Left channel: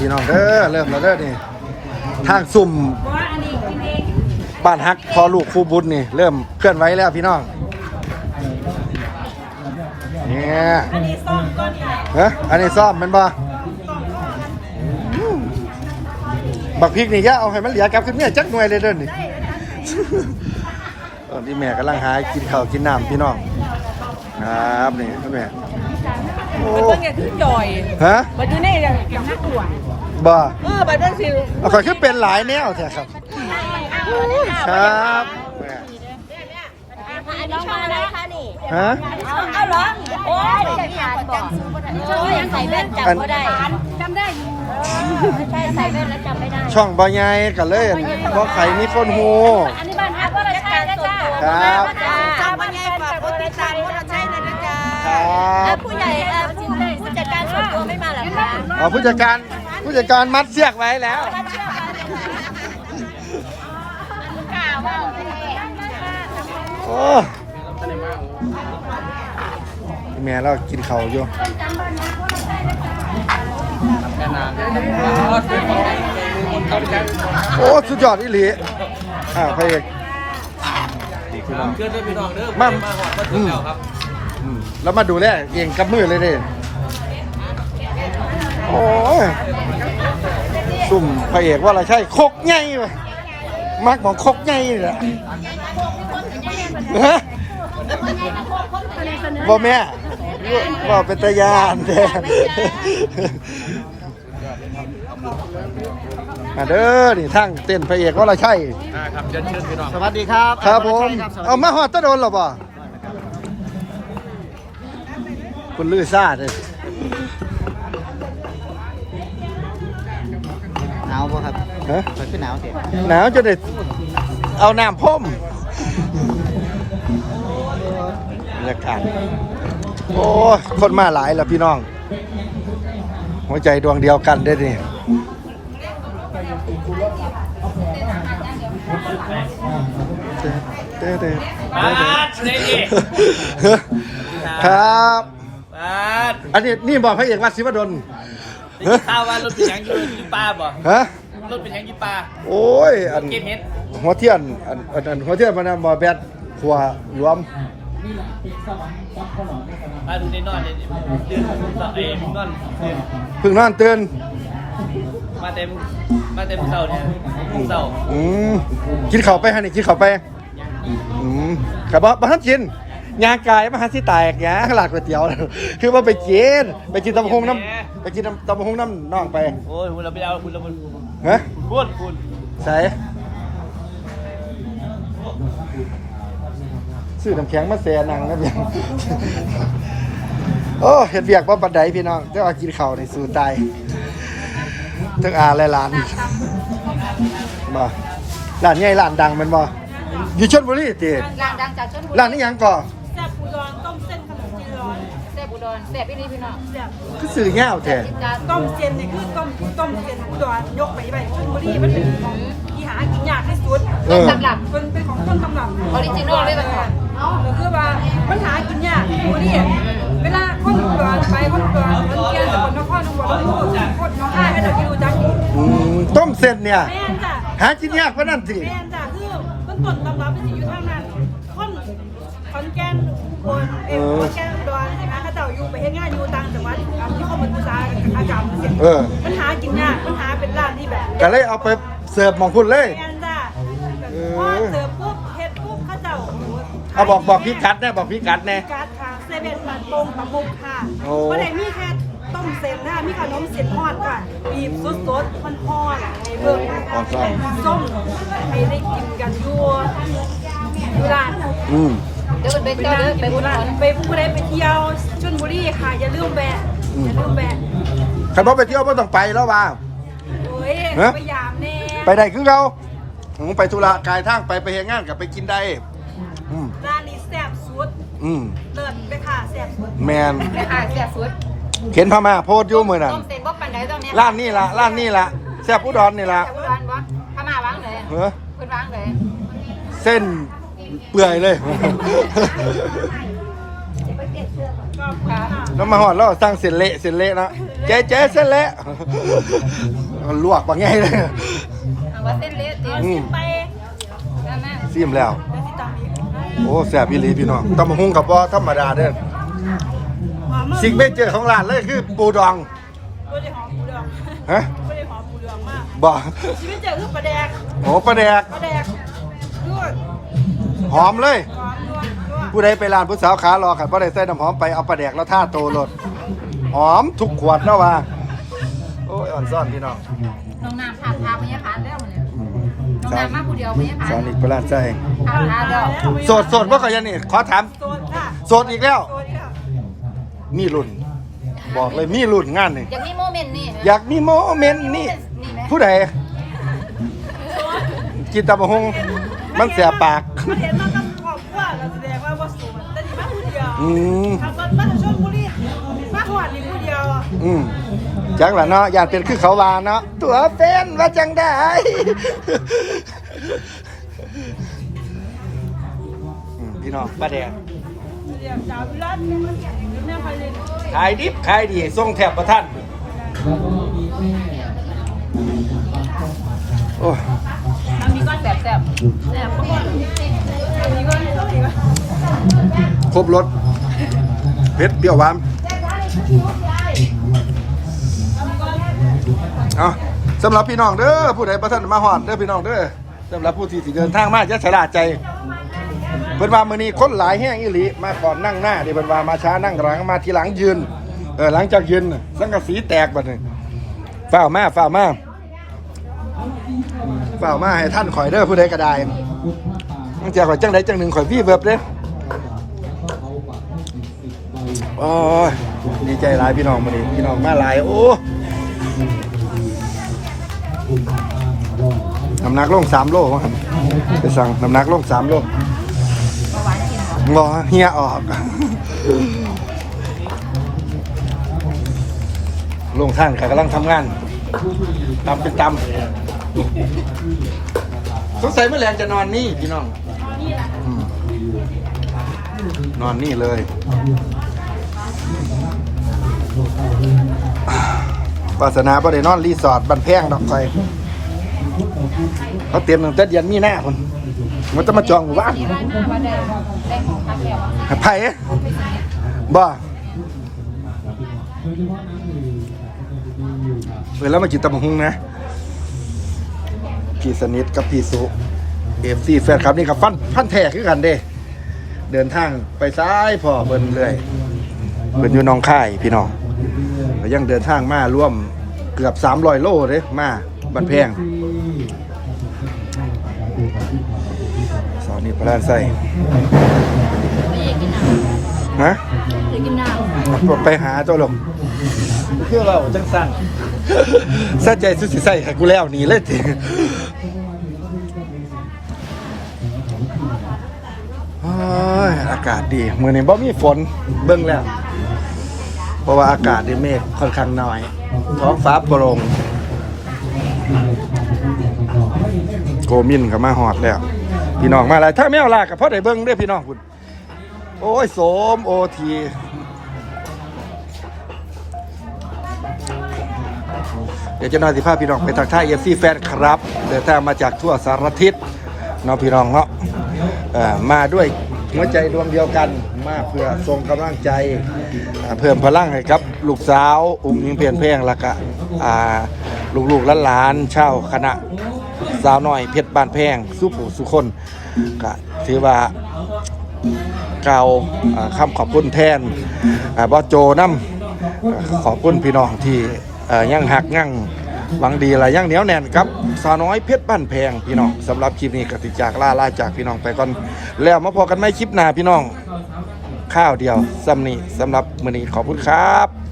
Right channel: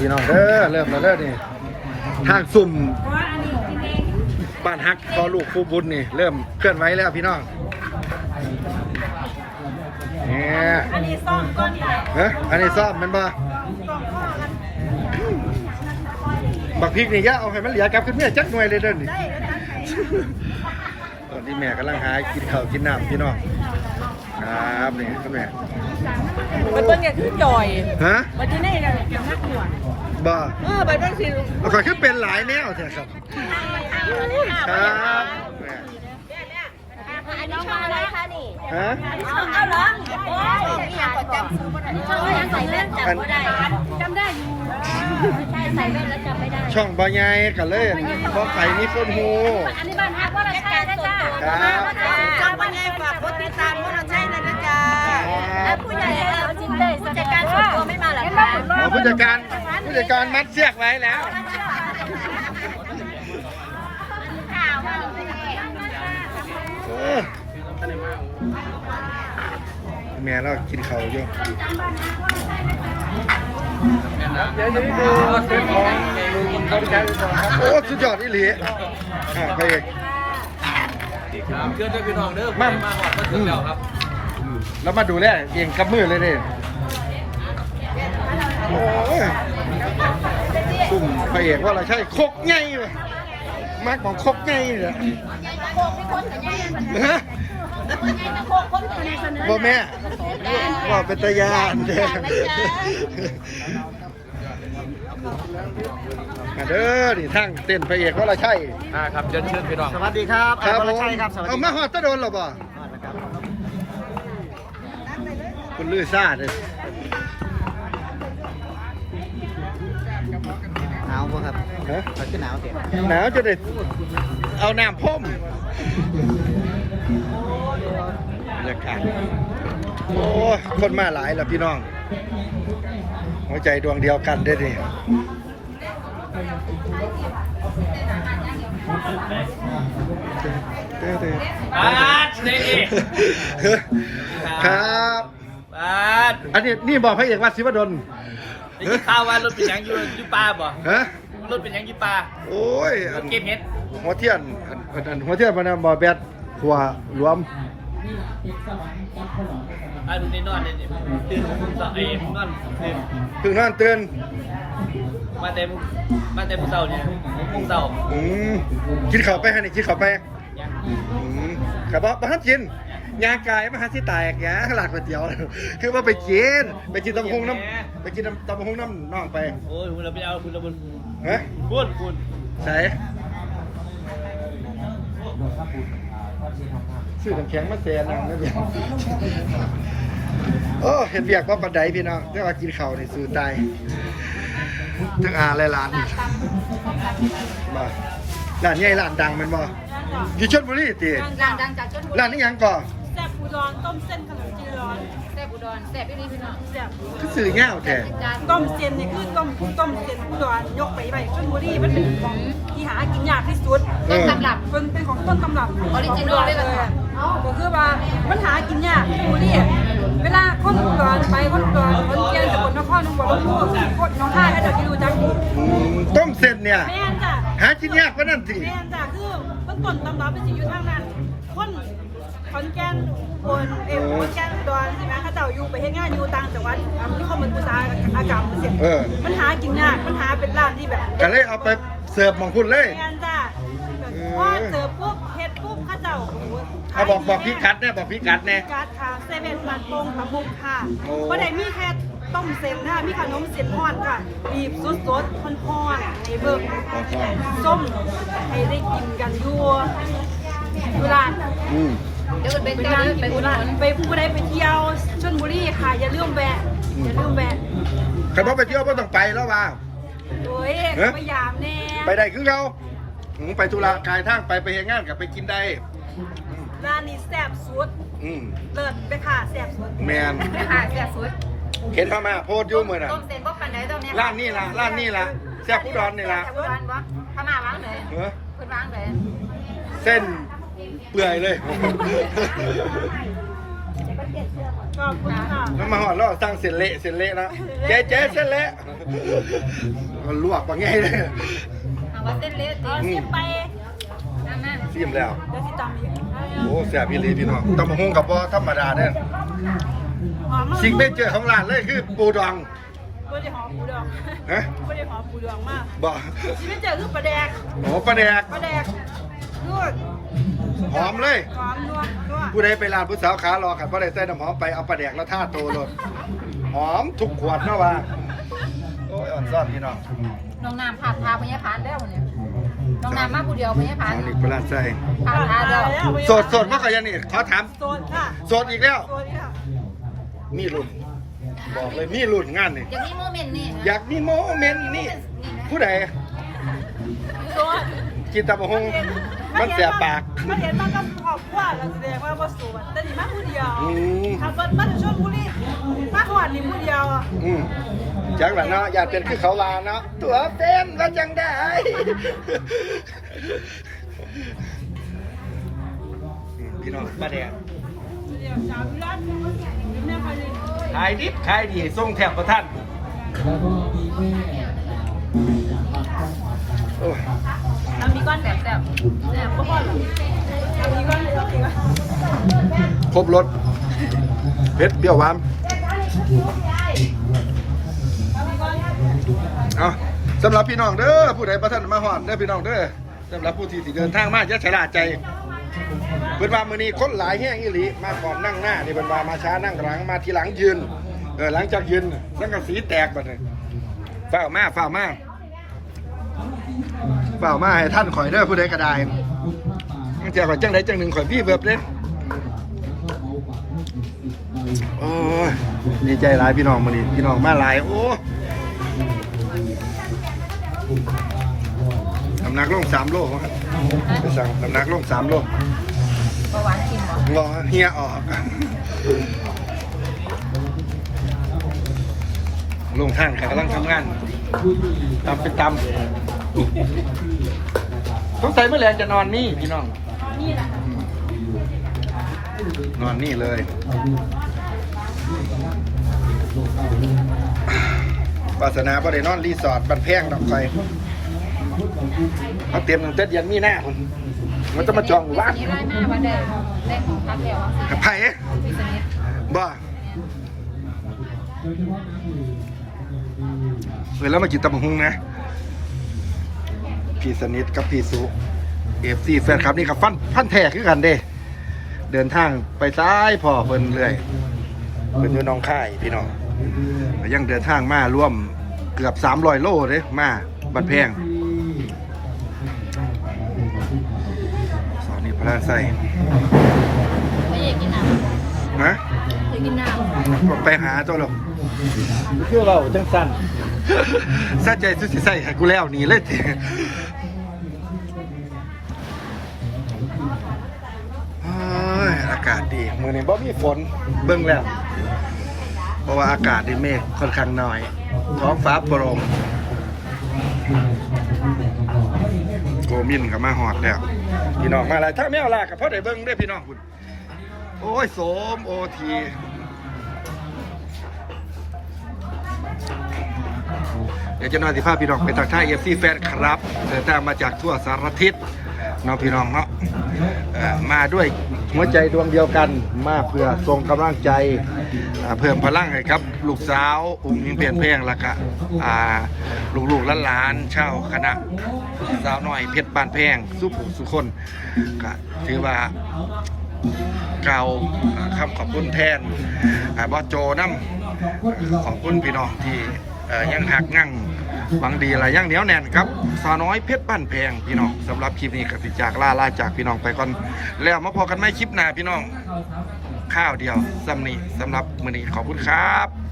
พี่น้องเด้อเริ่มแล้วเด้อนี่ทางสุ่มบ้านฮักพอลูกคู่บุญนี่ เริ่มเคลื่อนไหวแล้วพี่น้องเนี่ยอันนี้ซ่อมก้อนค่ะเฮ้อันนี้ซ่อมแมันบ่ซ่อมข้อกันบักพริกนี่ย่าเอาให้มันเหลือกลับขึ้นเมียจักหน่วยเลยเด้อนี่ได้แล้วจัดให้ตอนนี้แม่กำลังหากินข้าวกินน้ำพี่น้องครับนี่คุณแม่โอ้มันเบิ่งอย่างคือจอยฮะวันที่นี่ยังยังนักหลวง บ่เออบัดเบิ่งสิเอาข่อยขึ้นเป็นหลายแนวแท้ครับ ครับแม่อันนี้ช่องอะไรคะนี่ฮะช่องเอาหรอโอ้ยช่องนี่ยังกดจำซื้อบ่ได้ช่องยังใส่แว่นจำบ่ได้จำได้อยู่ใช่ใส่แว่นแล้วจำไม่ได้ช่องบ่ใหญ่กันเลยบ่ไข่มีคนฮูอันนี้บ้านฮักว่าเราใช่นะจ๊ะครับเจ้าบ้านใหญ่ฝากกดติดตามว่าเราใช่นะจ๊ะครับผู้ใหญ่เราจริงเลยผู้จัดการส่วนตัวไม่มาหรอคะเอาผู้จัดการผู้ จัดการมัดเสียกไว้แล้ว โอ้แม่เรากินข้าวอยู่โอ้สุดยอดอีหลีอ่าพระเอกครับเชิญด้วยพี่น้องเด้อมามาหอดมาถึงแล้วครับอืมแล้วมาดูแลเองกับมือเลยเด้โอ้ยซุ่มพ ระเอกว่าเราใช่คกไงวะมักของคกไงนี่แหละฮะบ่แม่ว่าเป็นตะยานเด้มาเด้อนี่ทั้งเต้นพระเอกว่าเราใช่อ่าครับเชิญด้วยพี่น้องสวัสดีครับครับผมใช่ครับสวัสดีเอามาหอดตะโดนหรอบ่นะครับคุณลือซ่าเลยะครับฮะมันขึ้นหนาวเสียหนาวจะได้เอาน้ำพ่มบรรยากาศโอ้ยคนมาหลายแล้วพี่น้อง หัวใจดวงเดียวกันได้ดิเด้อเด้อเด้อปาดเด้ดิครับปาดอันนี้นี่บอกพระเอกวัดศิวดลได้ยินข่าวว่ารถเป็นหยังอยู่อยู่ป่าบ่ฮะ รถเป็นหยังอยู่ป่าโอ้ยอันเก็บเห็ดหัวเทียนอันอันอันหัวเทียนมันนะบอแบดหัวรวมอ่าดูในนอนเลยตื่นผมต่อเอ้ยผมนอนตื่นเพิ่งนอนตื่นมาเต็มมาเต็มเต่าเนี่ยผมพุ่งเต่าอืมกินข้าวไปฮะนี่กินข้าวไปยังอืมแต่บ่บ่ทันกินยางกายมาหาที่แตกยาหลาดก๋วยเตี๋ยว คือว่าไปกินไปกินตำบักหงน้ำไปกินตำตำบักหงน้ำน้องไป โอ้ยคุณเราไปเอาคุณเราบุญฮะพูดคุณใส่ซื้อน้ำแข็งมาแซ่นังนะพี่โอ้เห็นเบียกว่าบันไดพี่น้องแต่ว่ากินข้าวในสู่ตายทั้งอาและหลานบ่ร้านใหญ่ร้านดังแมันบ่อยู่ชลบุรีติดังดังจากชนบุรีร้านนี้หยังก่อแซ่บปูดองต้มเส้นขนมจีนร้อนแซ่บอุดรแซ่บอีนี่พี่น้องแซ่บคือสื่อแง่วแท้ต้มเส้นเนี่ยคือต้มต้มเส้นอุดรยกไปไปชนบุรีมันเป็นของที่หากินยากที่สุดเออตำรับเป็นเป็นของต้นตำรับออริจินอลเลยเลเหรอยก็คือว่ามันหากินยากชนบุรีเวลาคนอุดรไปคนอุดรคนเกียนสกลนครน้องบัวลำพูคนน้องค่ายให้เราที่รู้จักดีอืมต้มเส้นเนี่ยแม่นจ้ะหากินยากกว่านั้นสิแม่นจ้ะคือ ต้นต้นตำรับเป็นสิอยู่ทางนั้นคนขอนแก่นอุบลเอ้ยขอนแก่นอุดรใช่ไหมเขาเจ้าอยู่ไปเฮ็ดงานอยู่ต่างจังหวัดอะมีข้อมูลอุตสาหกรรมเสียเออ มันหากินยากมันหาเป็นร้านที่แบบก็เลยเอาไปเสิร์ฟหมองคุณเลย แม่นจ้ะเออพอเจอปุ๊บเฮ็ดปุ๊บเขาเจ้าโอ้โหเอาบอกบอกพี่กัดแน่บอกพี่กัดแน่พี่กัดค่ะเซเว่นบาทโป่งตะมุกค่ะโอ้บ่ได้มีแค่ ต้มเส้นนะมีขนมเส้นทอดค่ะบีบสดๆทอดๆให้เบิ่งก่อนฟังส้มให้ได้กินกันอยู่อยู่ร้านอืมเดี๋ยวเป็นไปเจ้าร้านเดี๋ยวไปเป็นร้านไปผู้ใดไปเที่ยวชลบุรีค่ะ อย่าลืมแวะอืมอย่าลืมแวะขับรถไปเที่ยวไม่ต้องไปแล้วว่าโอ้ยฮะไปยามแน่ไปได้คือเขาอืมไปธุระกายทางไปไปเฮงงานกับไปกินได้อืมร้านนี้แซ่บสุด อืมเลิศไปค่ะแซ่บสุดแมนอ่าแซ่บสุด เข็นพม่าโพดอยู่มือนั่นต้มเส้นบ่ปันไดต้มเนี่ยร้านนี่ละร้านนี่ละแซ่บผู้ดอนนี่ละวางวะข้ามาวางเลยเออคุณวางเลยเส้นเปื่อยเลยก็อบคุณค่ะแล้วมาหอดแล้วสร้างเส้นเละเส้นเละนะเจ๊เจ๊เส้นเละลวกว่าไงเลยเอาว่าเส้นเล็กเอาชิมไปแม่แม่ซิมแล้ว เดี๋ยวสิตามอีก โอ้แซ่บอีหลีพี่น้องตำบักหุงกับบ่ธรรมดาเด้อหอมมาก สิ่งเมเจอร์ของร้านเลยคือปูดองไม่ได้หอมปูดองฮะไม่ได้หอมปูดองมากบ่ชีวิตเจอคือปลาแดกโอ้ปลาแดกปลาแดกนู่นหอมเลยหอมนัวนัวผู้ใดไปร้านผู้สาวขารอขันบ่ได้ใส่น้ำหอมไปเอาปลาแดกแล้วท่าโตรถหอมทุกขวดเนาะว่าโอ้ยอ่อนซ่อนพี่น้องน้องน้ำพาพาพญาพานแล้วเนี่ยน้องน้ำมาผู้เดียวพญาพาสานวนิกประหลาดใจพาพาเด้อโสดโสดว่าก็ยังนี่ขอถามโซนค่ะโสดอีกแล้วโซนค่ะ มีรุ่น บอกเลยมีรุ่นงานนี่อย่างนี้โมเมนต์นี่อยากมีโมเมนต์นี่ผู้ใดโซนกินตำบักหุงมันเสียปากมันเห็นมากับครอบครัวก็แสดงว่าบ่โซนแต่นี่มาผู้เดียวอืมขับรถมาจากชลบุรีมาหอดนี่ผู้เดียวอืมจังละเนาะอยากเป็นคือเขาวาเนาะตัวแฟนว่าจังได้อืมพี่น้องป้าแดง ขายดิบขายดีส่งแถบประท่านโอ้ยน้ำมีก้อนแสบแสบแสบก็พอหรอน้ำมีก้อนน้ำมีก้อนครบรสเผ็ดเปรี้ยวหวานเอาสำหรับพี่น้องเด้อผู้ใดประท่านมาหอดเด้อพี่น้องเด้อสำหรับผู้ที่สิเดินทางมาจะฉลาดใจ เพิ่นว่ามื้อนี้คนหลายแห้งอีหลีมาก่อนนั่งหน้านี่เพิ่นว่ามาช้านั่งหลังมาทีหลังยืนเออหลังจากยืนน่ะสังกะสีแตกบัดนี้ฝ้าวมาฝ้าวมาฝ้าวมาให้ท่านข่อยเด้อผู้ใดก็ได้ตั้งแต่ข่อยจังใดจังหนึ่งข่อยพี่เบิบเด้อโอ้ยดีใจหลายพี่น้องมื้อนี้พี่น้องมาหลายโอ้น้ำหนักลง3โลครับไปสั่งน้ำหนักลง3โล บอเฮียออกลงทางกำลังทำงานตำเป็นตำสงสัยเมื่อแรงจะนอนนี่พี่น้อง นอนนี่เลยวาสนาบ่ได้นอนรีสอร์ทบันแพงดอกไฟเขาเตรียมตั้งแต่เดือนมีหน้าคน มันจะมาจองหมู่บ้านนี่ไล่มาว่าได้ได้ของพักแล้วอะไผ่พี่สนิทบ่เออแล้วมากินตำบักหุงนะพี่สนิทกับพี่สุเอฟซีแฟนครับนี่ครับฟันฟันแท้คือกันเด้ เดินทางไปซ้ายพอเพิ่นเรื่อยเพิ่นอยู่หน้องค่ายพี่น้องก็ยังเดินทางมาร่วมเกือบ300โลเด้มาบันแพง ระดานใส่ไม่อยากกินน้ำนะเคยกินน้ำไปหาตัวลงคือเราจังสั่นสะใจสุดสิใส่ให้กูแล้วหนี่เลยทีโอ้ยอากาศดีมื้อนี้บ่มีฝนเบิ่งแล้ว เพราะว่าอากาศในเมฆค่อนข้างน้อย ท้องฟ้าโปร่งโกมินก็มาฮอดแล้ว พี่น้องมาแล้วถ้าแมวลากับพ่อได้เบิ้งเด้อพี่น้องคุณโอ้ยโสมโอทีเดี๋ยวจะนอนสิภาพี่น้องไปทักทายเอฟซีแฟนครับเดินทางมาจากทั่วสารทิศเนาะพี่น้องเนาะมาด้วย หัวใจดวงเดียวกันมาเพื่อส่งกำลังใจเพิ่มพลังให้ครับ ลูกสาวอุ้งยิงเพียนเพลงล้วก็อ่าลูกๆหลานๆเช่าคณะสาวน้อยเพชรบ้านแพงสุผู้สุคนก็ถือว่ากล่าวอ่าคำขอบคุณแทนอ่าบอโจน้ำขอบคุณพี่น้องที่อ่ายังหักยัง หวังดีอะไรย่างเหนียวแน่นครับสาวน้อยเพชรบ้านแพงพี่น้องสำหรับคลิปนี้กติจากลาลาจากพี่น้องไปก่อนแล้วมาพอกันไม่คลิปหน้าพี่น้องข้าวเดียวสำนีสำหรับมือนี้ขอบคุณครับ